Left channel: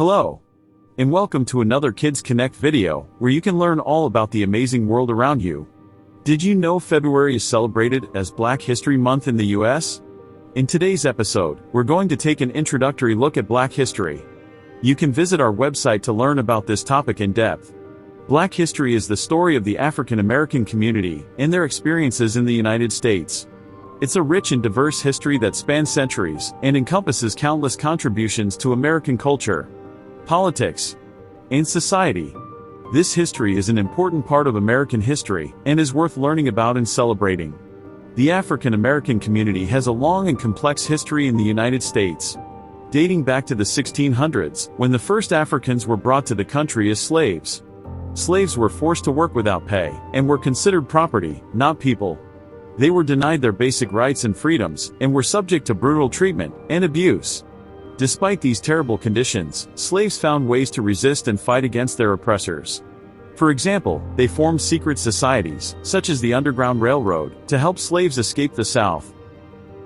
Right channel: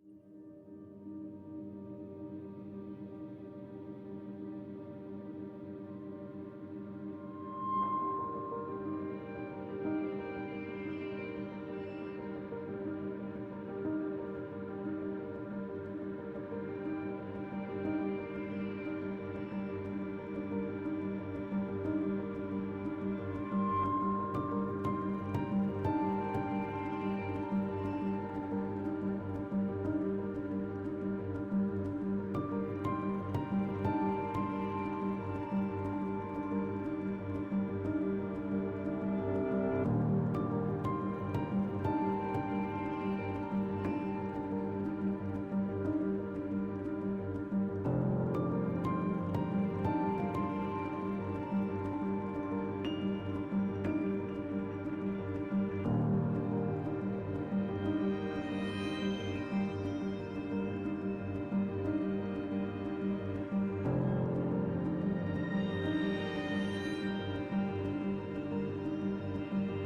Hello, and welcome to another Kids Connect video, where you can learn all about the amazing world around you. Did you know February is celebrated as Black History Month in the US? In today's episode, we're going to take an introductory look at Black history. You can visit our website to learn about this topic in depth. Black history is the story of the African American community and their experiences in the United States. It's a rich and diverse history that spans centuries and encompasses countless contributions to American culture, politics, and society. This history is an important part of American history and is worth learning about and celebrating. The African American community has a long and complex history in the United States, dating back to the 1600s, when the first Africans were brought to the country as slaves. Slaves were forced to work without pay and were considered property, not people. They were denied their basic rights and freedoms and were subject to brutal treatment and abuse. Despite these terrible conditions, slaves found ways to resist and fight against their oppressors. For example, they formed secret societies, such as the Underground Railroad, to help slaves escape the South.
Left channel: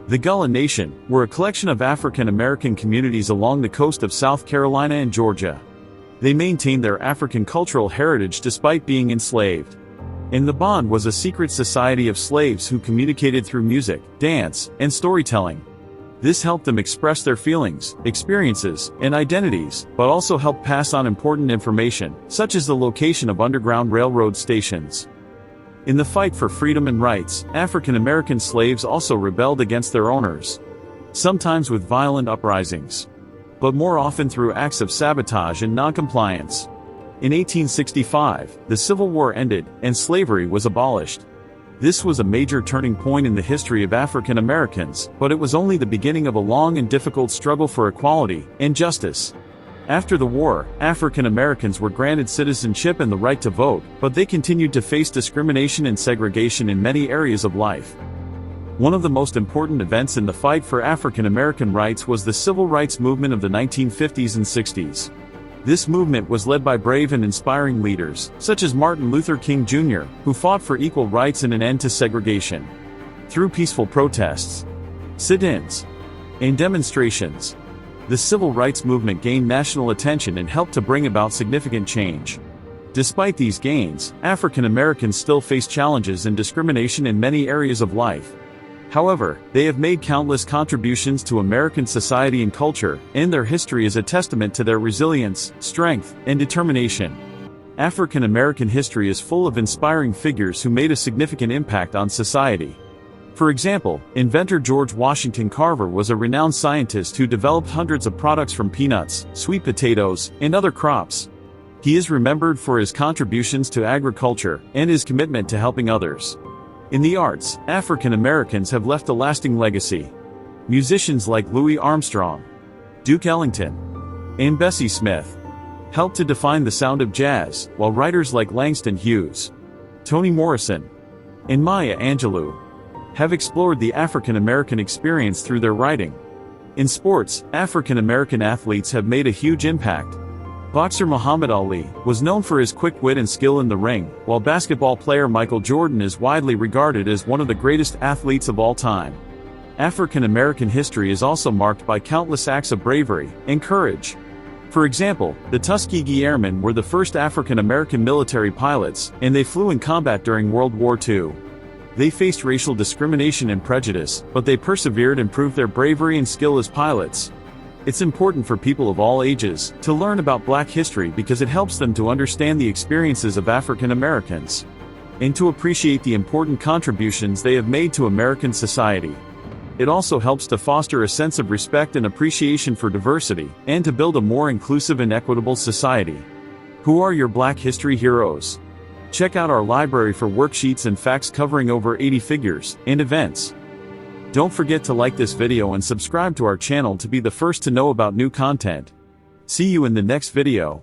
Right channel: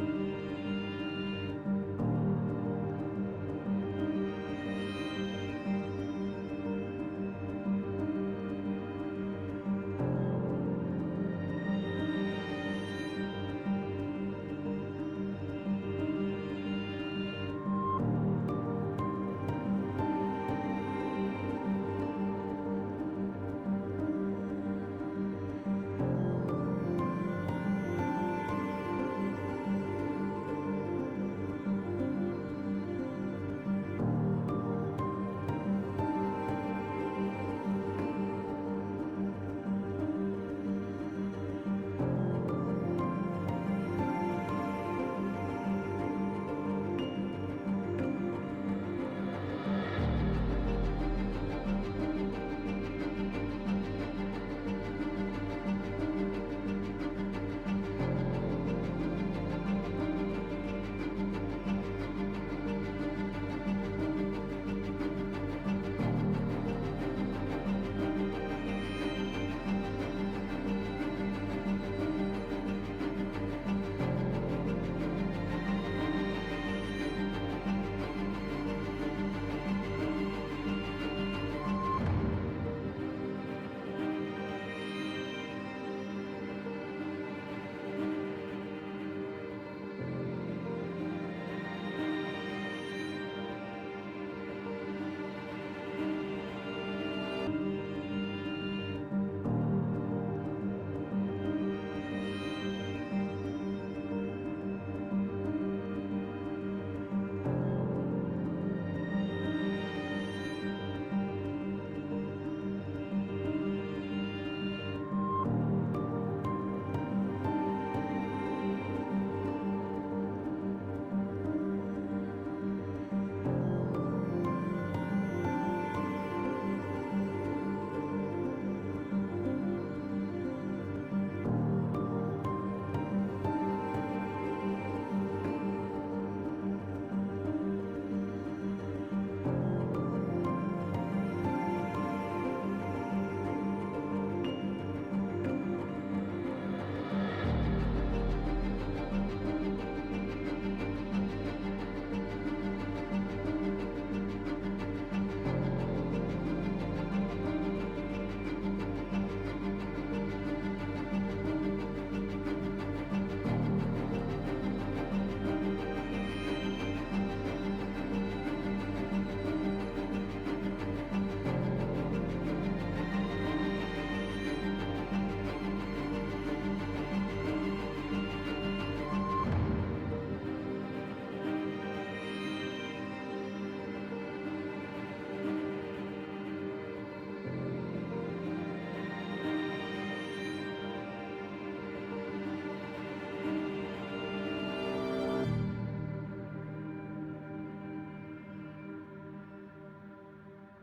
The Gullah Nation were a collection of African American communities along the coast of South Carolina and Georgia. They maintained their African cultural heritage despite being enslaved. And the Bond was a secret society of slaves who communicated through music, dance, and storytelling. This helped them express their feelings, experiences, and identities, but also helped pass on important information, such as the location of Underground Railroad stations. In the fight for freedom and rights, African American slaves also rebelled against their owners, sometimes with violent uprisings, but more often through acts of sabotage and noncompliance. In 1865, the Civil War ended, and slavery was abolished. This was a major turning point in the history of African Americans, but it was only the beginning of a long and difficult struggle for equality and justice. After the war, African Americans were granted citizenship and the right to vote, but they continued to face discrimination and segregation in many areas of life. One of the most important events in the fight for African American rights was the Civil Rights Movement of the 1950s and 60s. This movement was led by brave and inspiring leaders, such as Martin Luther King Jr., who fought for equal rights and an end to segregation. Through peaceful protests, sit-ins, and demonstrations, the civil rights movement gained national attention and helped to bring about significant change. Despite these gains, African Americans still face challenges and discrimination in many areas of life. However, they have made countless contributions to American society and culture, and their history is a testament to their resilience, strength, and determination. African American history is full of inspiring figures who made a significant impact on society. For example, inventor George Washington Carver was a renowned scientist who developed hundreds of products from peanuts, sweet potatoes, and other crops. He is remembered for his contributions to agriculture and his commitment to helping others. In the arts, African Americans have left a lasting legacy. Musicians like Louis Armstrong, Duke Ellington, and Bessie Smith helped to define the sound of jazz, while writers like Langston Hughes, Toni Morrison, and Maya Angelou have explored the African American experience through their writing. In sports, African American athletes have made a huge impact. Boxer Muhammad Ali was known for his quick wit and skill in the ring, while basketball player Michael Jordan is widely regarded as one of the greatest athletes of all time. African American history is also marked by countless acts of bravery and courage. For example, the Tuskegee Airmen were the first African American military pilots, and they flew in combat during World War II. They faced racial discrimination and prejudice, but they persevered and proved their bravery and skill as pilots. It's important for people of all ages to learn about Black history because it helps them to understand the experiences of African Americans and to appreciate the important contributions they have made to American society. It also helps to foster a sense of respect and appreciation for diversity and to build a more inclusive and equitable society. Who are your Black history heroes? Check out our library for worksheets and facts covering over 80 figures and events. Don't forget to like this video and subscribe to our channel to be the first to know about new content. See you in the next video.